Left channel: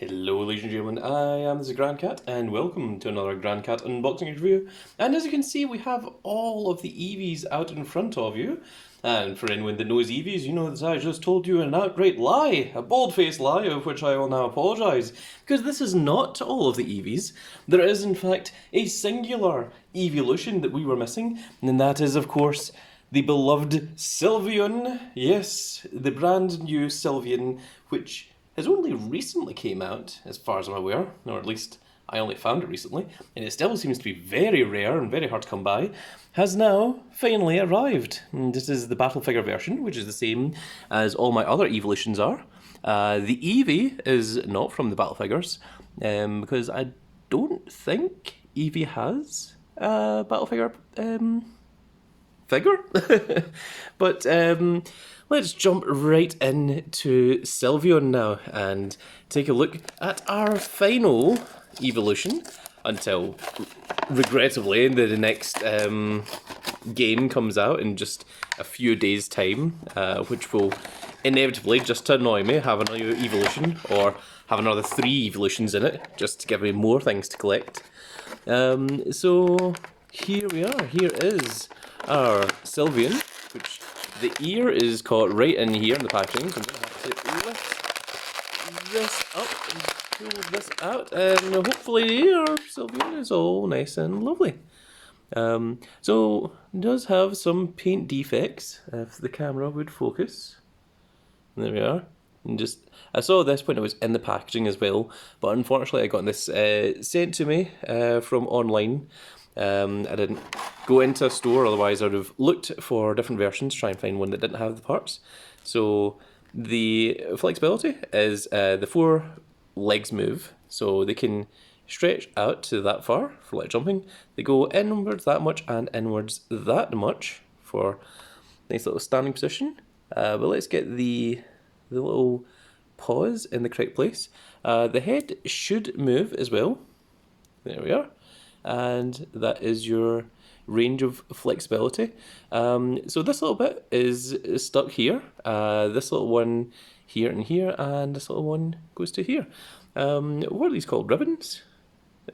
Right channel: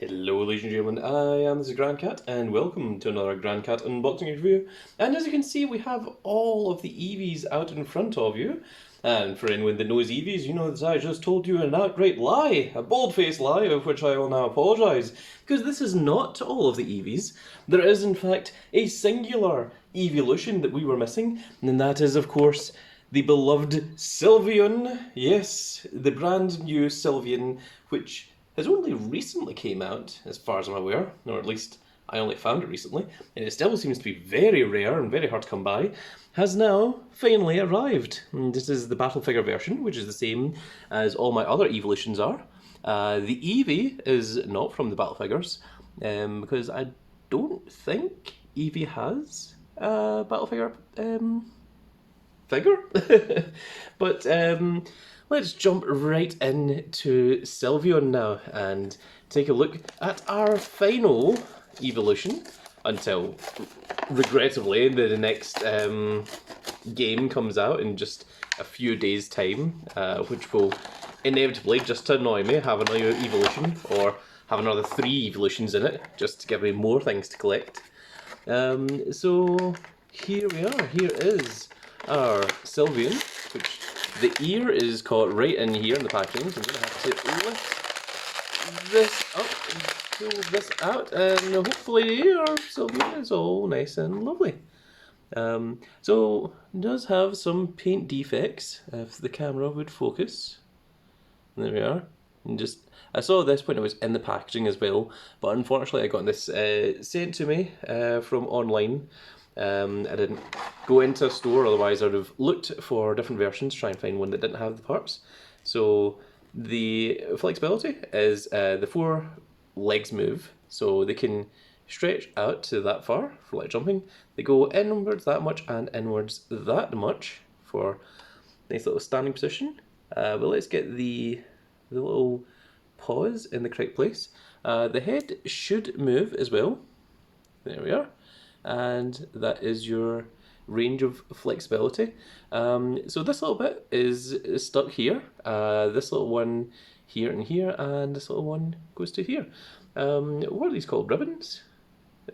Hello ladies and gentlemen, this is Grand Cat and welcome to another Grand Cat unboxing review. And as you can see, we have all of the Eevees out in front of you. And for anyone that knows Eevees, you know that I just told you an outright lie, a bold-faced lie of which I will now apologise. Because this is not all of the Eevees. There is in fact a singular Eeveelution that we were missing, and that is of course the beloved Sylveon. Yes, the brand new Sylveon, which has only recently came out, as far as I'm aware, or at least I only found it recently, and it still seems to be very rare and very hard to come by, has now finally arrived. And this is the battle figure version, which is the same as all my other Eeveelutions are. The Eevee is not from the battle figures, because I don't think Eevee has a battle figure figure. But let's jump right into Sylveon now and take a look at our final evolution until, regrettably, the next game comes out in just a few days' time, which will inevitably, just to annoy me, have another evolution or have another 3 evolutions in it, just to give me more things to collect. So here we are. Here is our Sylveon, which the ear is caught right in here in the packaging. So I'm going to have to lift this up and pull this out, and hopefully our Sylveon is all nice and lovely. So it does have some paint defects, if the camera would focus. There we are. And just, I saw this when it was in the packaging as well, but unfortunately I got this sent to me from online. I didn't go into a store, otherwise I would have looked for different versions to try and find one that didn't have the parts. So the flexibility is the 4 legs move, so they can stretch out to that far for like jumping. They go inwards that much and inwards that much for nice little standing position. But let's get the little paws in the correct place. The head should move as well. There we are. And that is your range of flexibility. So this little bit is stuck here. This little one here and here, and this little one goes to here. What are these called? Ribbons?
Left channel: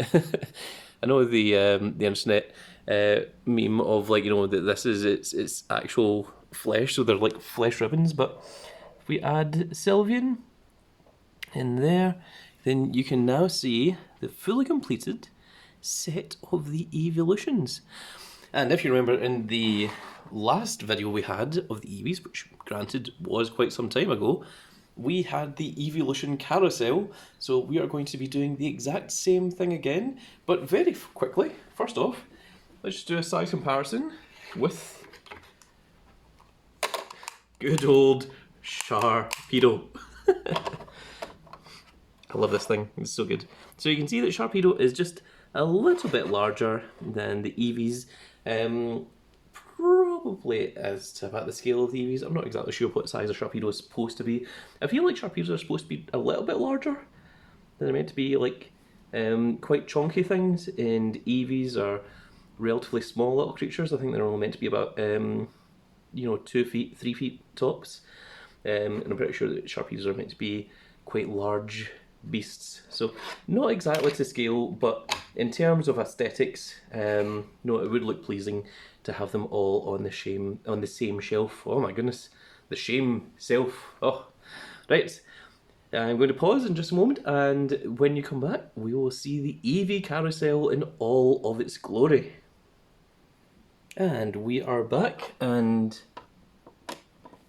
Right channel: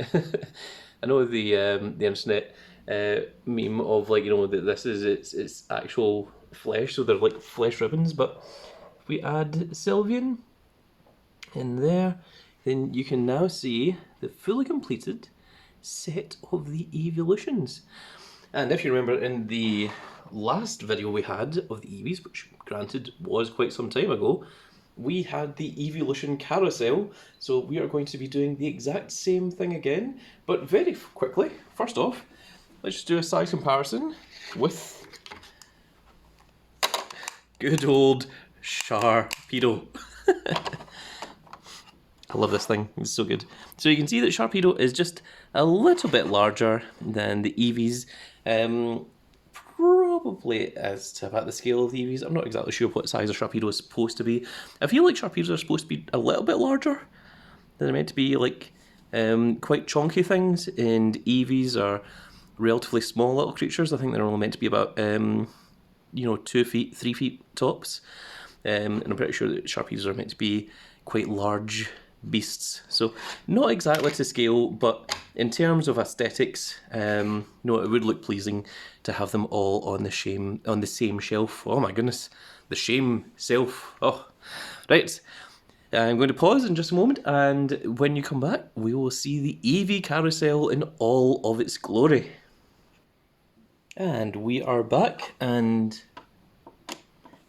I know the internet meme of, like, you know, that this is its actual flesh, so they're like flesh ribbons. But if we add Sylveon in there, then you can now see the fully completed set of the Eeveeloutions. And if you remember in the last video we had of the Eevees, which granted was quite some time ago, we had the Eeveelution carousel, so we are going to be doing the exact same thing again, but very quickly. First off, let's just do a size comparison with good old Sharpedo. I love this thing, it's so good. So you can see that Sharpedo is just a little bit larger than the Eevees, probably as to about the scale of the Eevees. I'm not exactly sure what size a Sharpedo is supposed to be. I feel like Sharpedos are supposed to be a little bit larger. They're meant to be like quite chunky things, and Eevees are relatively small little creatures. I think they're only meant to be about 2 feet, 3 feet tops. And I'm pretty sure that Sharpedos are meant to be quite large beasts, so not exactly to scale, but in terms of aesthetics, no, it would look pleasing to have them all on the same shelf. Oh my goodness, the shame self. Oh, right. I'm going to pause in just a moment, and when you come back, we will see the Eevee carousel in all of its glory. And we are back, and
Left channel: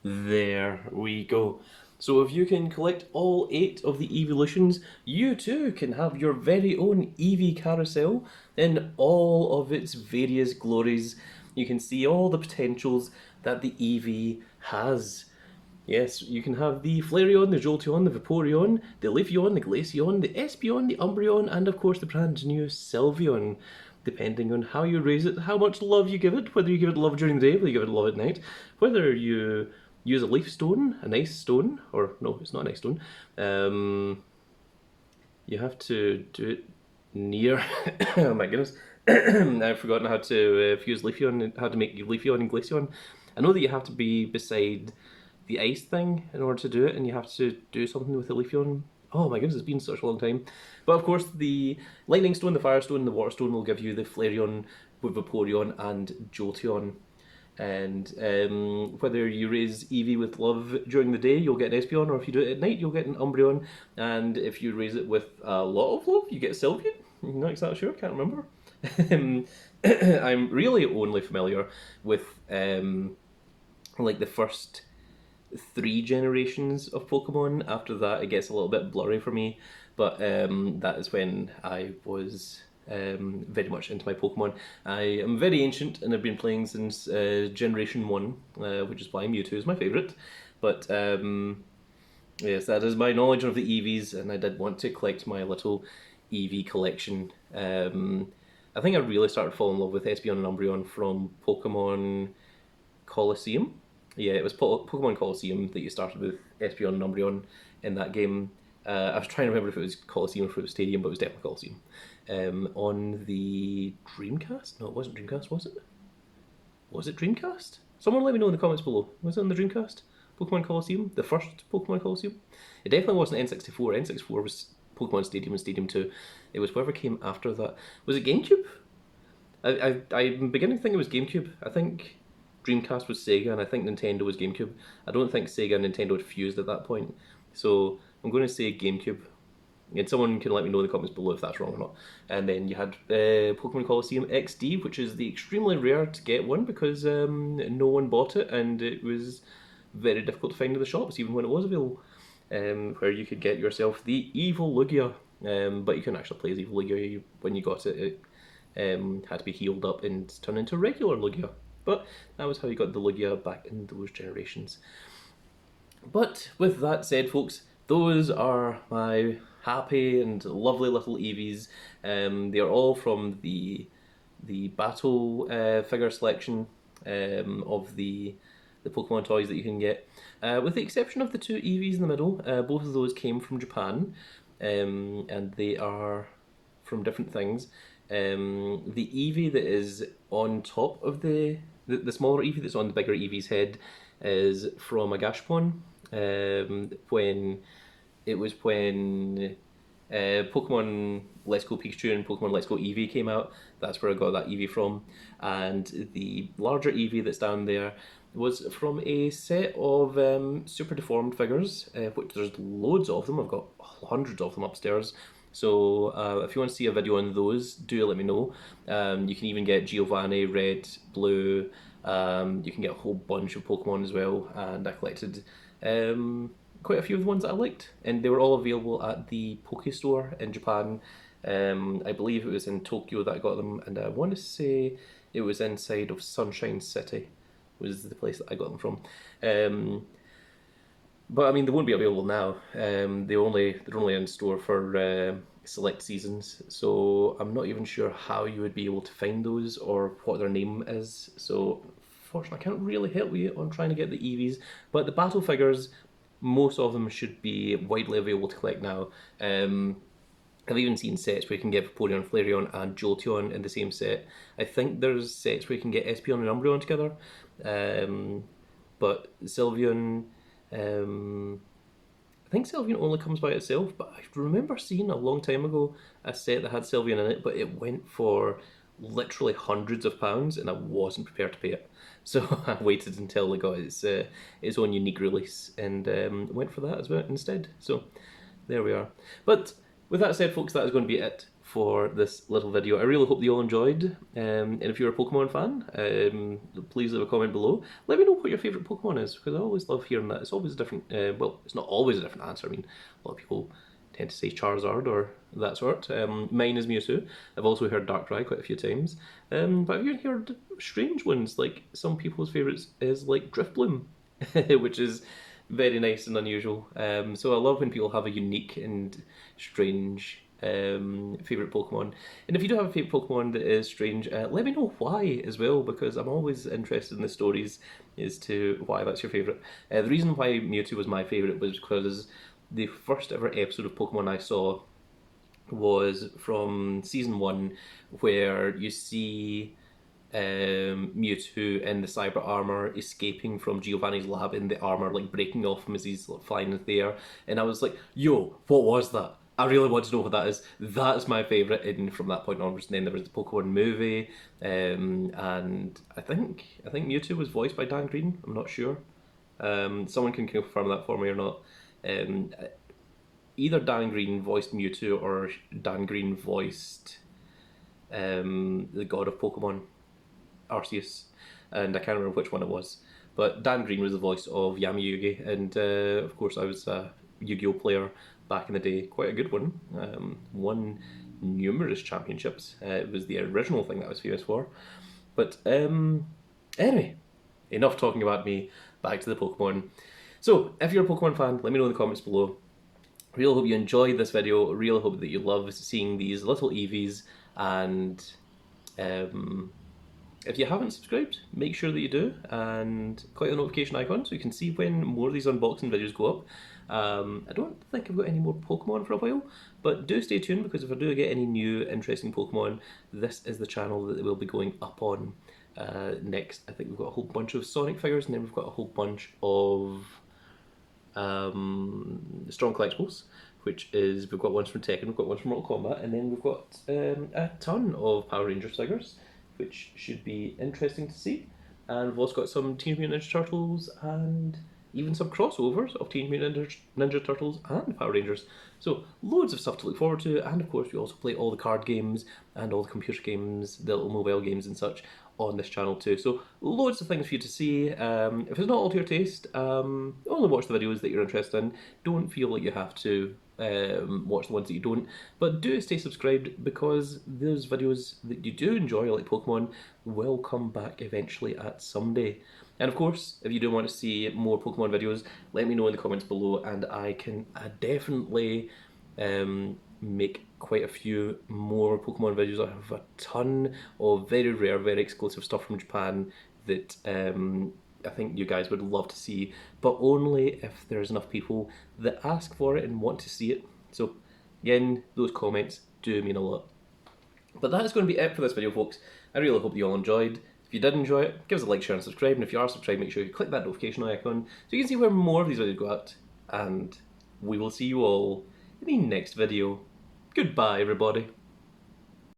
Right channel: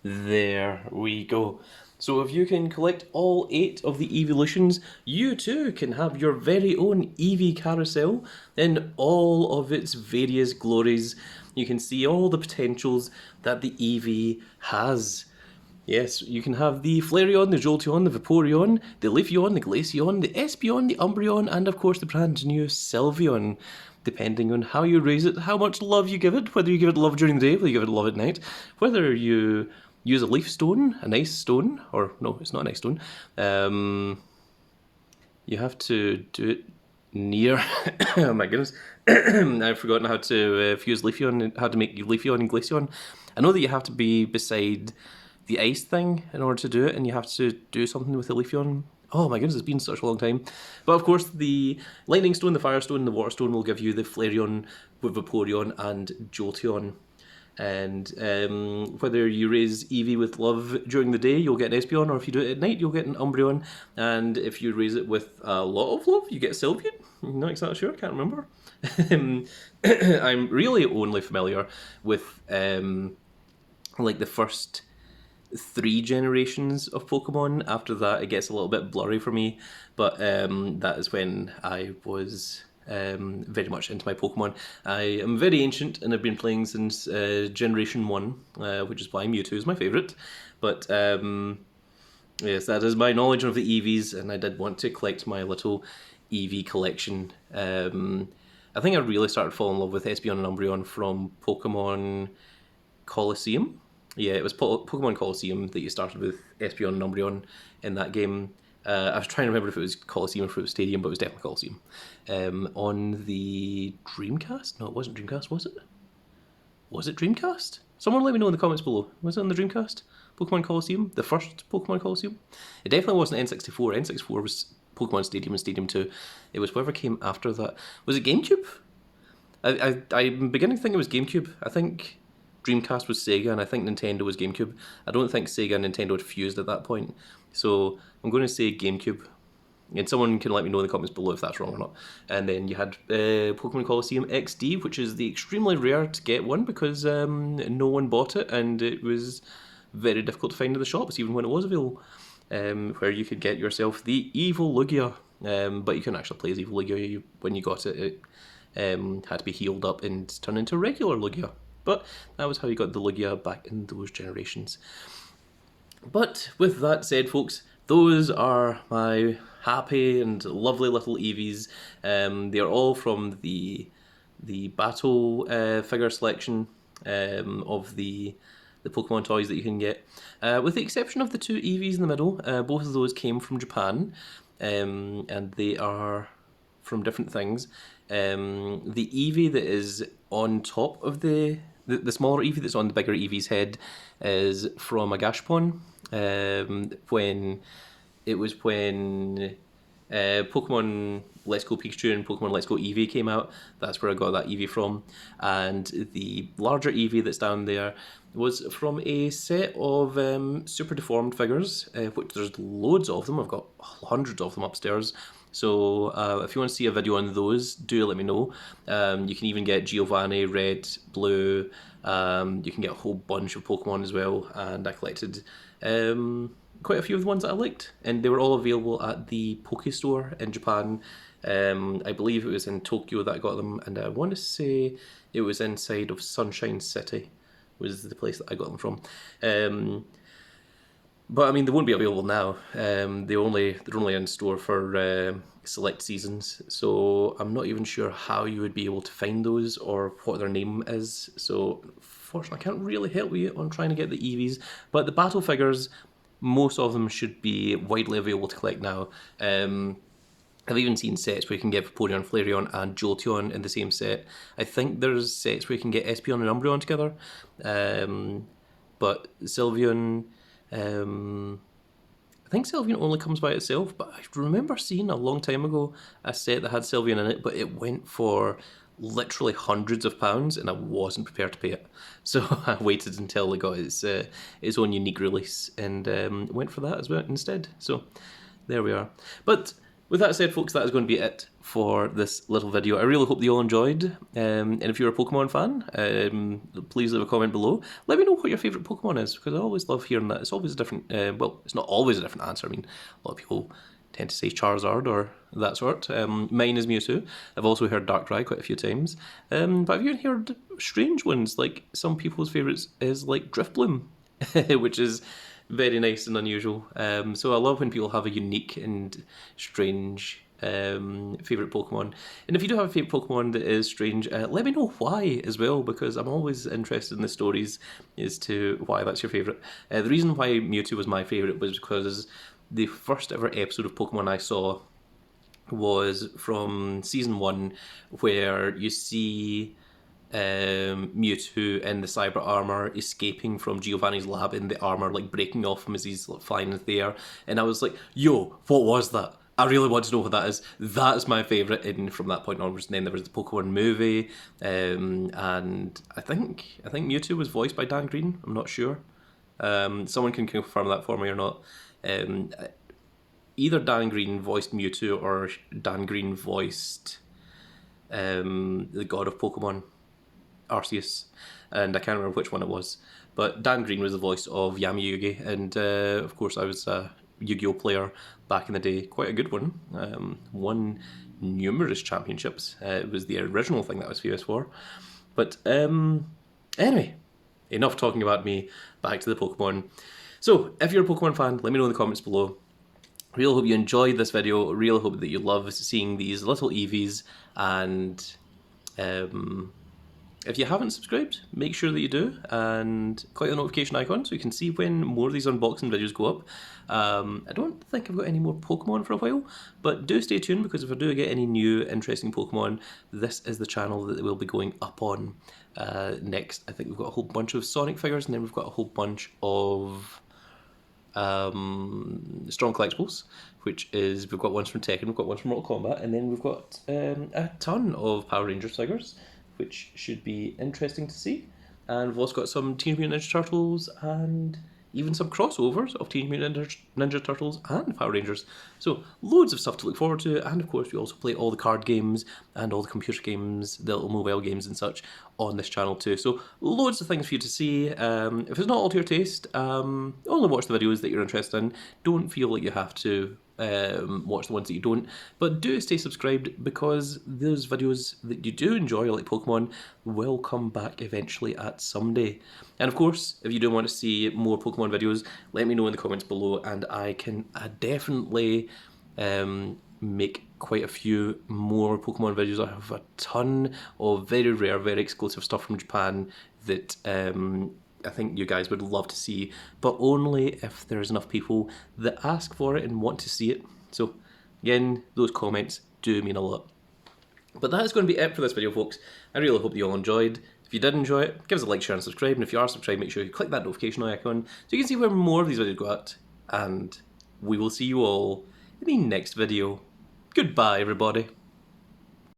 there we go. So if you can collect all 8 of the Eeveelutions, you too can have your very own Eevee carousel in all of its various glories. You can see all the potentials that the Eevee has. Yes, you can have the Flareon, the Jolteon, the Vaporeon, the Leafeon, the Glaceon, the Espeon, the Umbreon, and of course the brand new Sylveon. Depending on how you raise it, how much love you give it, whether you give it love during the day, whether you give it love at night, whether you use a leaf stone, a nice stone, or no, it's not a nice stone. You have to do it near. Oh my goodness, I've forgotten how to fuse Leafeon, how to make Leafeon and Glaceon. I know that you have to be beside the ice thing in order to do it, and you have to do something with the Leafeon Oh my goodness, it's been such a long time. But of course, the Lightning Stone, the Fire Stone, and the Water Stone will give you the Flareon with Vaporeon and Jolteon. And whether you raise Eevee with love during the day, you'll get an Espeon, or if you do it at night, you'll get an Umbreon. And if you raise it with a lot of love, you get Sylveon. I'm not exactly sure, can't remember. I'm really only familiar with like the first 3 generations of Pokemon. After that, it gets a little bit blurry for me, but that is when I was very much into my Pokemon. I am very ancient and have been playing since Generation 1, which is why Mewtwo is my favourite. But yes, that is my knowledge of the Eevees, and I did want to collect my little Eevee collection. I think I really started falling in love with Espeon and Umbreon from Pokemon Colosseum. Yeah, it was Pokemon Colosseum that you started with Espeon and Umbreon in that game. I was trying to remember if it was Colosseum or if it was Stadium, but it was definitely Colosseum. On the Dreamcast? No, it wasn't Dreamcast, was it? Was it Dreamcast? Someone let me know in the comments below. Was it on the Dreamcast? Pokemon Colosseum? The first Pokemon Colosseum? It definitely wasn't N64. N64 was Pokemon Stadium and Stadium 2. It was whatever came after that. Was it GameCube? I'm beginning to think it was GameCube. I think Dreamcast was Sega, and I think Nintendo was GameCube. I don't think Sega and Nintendo had fused at that point. So I'm going to say GameCube. And someone can let me know in the comments below if that's wrong or not. And then you had Pokemon Colosseum XD, which is the extremely rare to get one because no one bought it, and it was very difficult to find in the shops, even when it was available. Where you could get yourself the Eevee but you couldn't actually play as Eevee when you got it. It had to be healed up and turned into regular Lugia. But that was how you got the Lugia back in those generations. But with that said, folks, those are my happy and lovely little Eevees. They are all from the battle figure selection of the Pokemon toys that you can get. With the exception of the 2 Eevees in the middle, both of those came from Japan, and they are from different things. The Eevee that is on top of the smaller Eevee that's on the bigger Eevee's head is from a Gashapon. When Pokemon Let's Go Pikachu and Pokemon Let's Go Eevee came out, that's where I got that Eevee from. And the larger Eevee that's down there was from a set of super deformed figures, which there's loads of them. I've got hundreds of them upstairs. So if you want to see a video on those, do let me know. You can even get Giovanni, Red, Blue. You can get a whole bunch of Pokemon as well. And I collected quite a few of the ones that I liked. And they were all available at the Poke Store in Japan. I believe it was in Tokyo that I got them. And I want to say it was inside of Sunshine City was the place that I got them from. But I mean, they won't be available now. They're only in store for select seasons, so I'm not even sure how you would be able to find those or what their name is. So fortunately, I can't really help you on trying to get the Eevees. But the battle figures, most of them should be widely available to collect now. I've even seen sets where you can get Vaporeon, Flareon, and Jolteon in the same set. I think there's sets where you can get Espeon and Umbreon together. But Sylveon, I think Sylveon only comes by itself, but I remember seeing a long time ago a set that had Sylveon in it, but it went for literally hundreds of pounds, and I wasn't prepared to pay it. So I waited until it got its own unique release and went for that as well instead. So there we are. But with that said, folks, that is going to be it for this little video. I really hope that you all enjoyed. And if you're a Pokemon fan, please leave a comment below. Let me know what your favourite Pokemon is, because I always love hearing that. It's always a different, well, it's not always a different answer. I mean, a lot of people tend to say Charizard or that sort. Mine is Mewtwo. I've also heard Darkrai quite a few times. But I've even heard strange ones, like some people's favourites is like Drifbloom, which is very nice and unusual. So I love when people have a unique and strange favourite Pokemon. And if you do have a favourite Pokemon that is strange, let me know why as well, because I'm always interested in the stories as to why that's your favourite. The reason why Mewtwo was my favourite was because the first ever episode of Pokemon I saw was from season 1, where you see Mewtwo in the cyber armor escaping from Giovanni's lab in the armor, like breaking off him as he's like, flying in the air. And I was like, yo, what was that? I really want to know what that is. That's my favourite. And from that point onwards, and then there was the Pokemon movie, and I think Mewtwo was voiced by Dan Green. I'm not sure. Someone can confirm that for me or not. Um, Either Dan Green voiced Mewtwo or Dan Green voiced the god of Pokemon, Arceus, and I can't remember which one it was. But Dan Green was the voice of Yami-Yugi, and of course I was a Yu-Gi-Oh player back in the day, quite a good one. Won numerous championships. It was the original thing that I was famous for. But anyway, enough talking about me. Back to the Pokemon. So, if you're a Pokemon fan, let me know in the comments below. Really hope you enjoyed this video. Really hope that you love seeing these little Eevees, and if you haven't subscribed, make sure that you do and click the notification icon so you can see when more of these unboxing videos go up. I don't think I've got any more Pokemon for a while, but do stay tuned, because if I do get any new interesting Pokemon, this is the channel that will be going up on next. I think we've got a whole bunch of Sonic figures, and then we've got a whole bunch of Strong Collectibles, which is, we've got ones from Tekken, we've got ones from Mortal Kombat, and then we've got a ton of Power Rangers figures, which should be interesting to see. And we've also got some Teenage Mutant Ninja Turtles and even some crossovers of Teenage Mutant Ninja Turtles and Power Rangers. So loads of stuff to look forward to, and of course we also play all the card games and all the computer games, the little mobile games and such on this channel too. So loads of things for you to see. If it's not all to your taste, only watch the videos that you're interested in. Don't feel like you have to watch the ones that you don't, but do stay subscribed, because those videos that you do enjoy, like Pokemon, will come back eventually at some day. And of course, if you do want to see more Pokemon videos, let me know in the comments below, and I can definitely make quite a few more Pokemon videos. I have a ton of very rare, very exclusive stuff from Japan that I think you guys would love to see, but only if there's enough people that ask for it and want to see it. So again, those comments do mean a lot. But that is going to be it for this video, folks. I really hope you all enjoyed. If you did enjoy it, give us a like, share and subscribe, and if you are subscribed, make sure you click that notification icon so you can see where more of these videos go out, and we will see you all in the next video. Goodbye, everybody.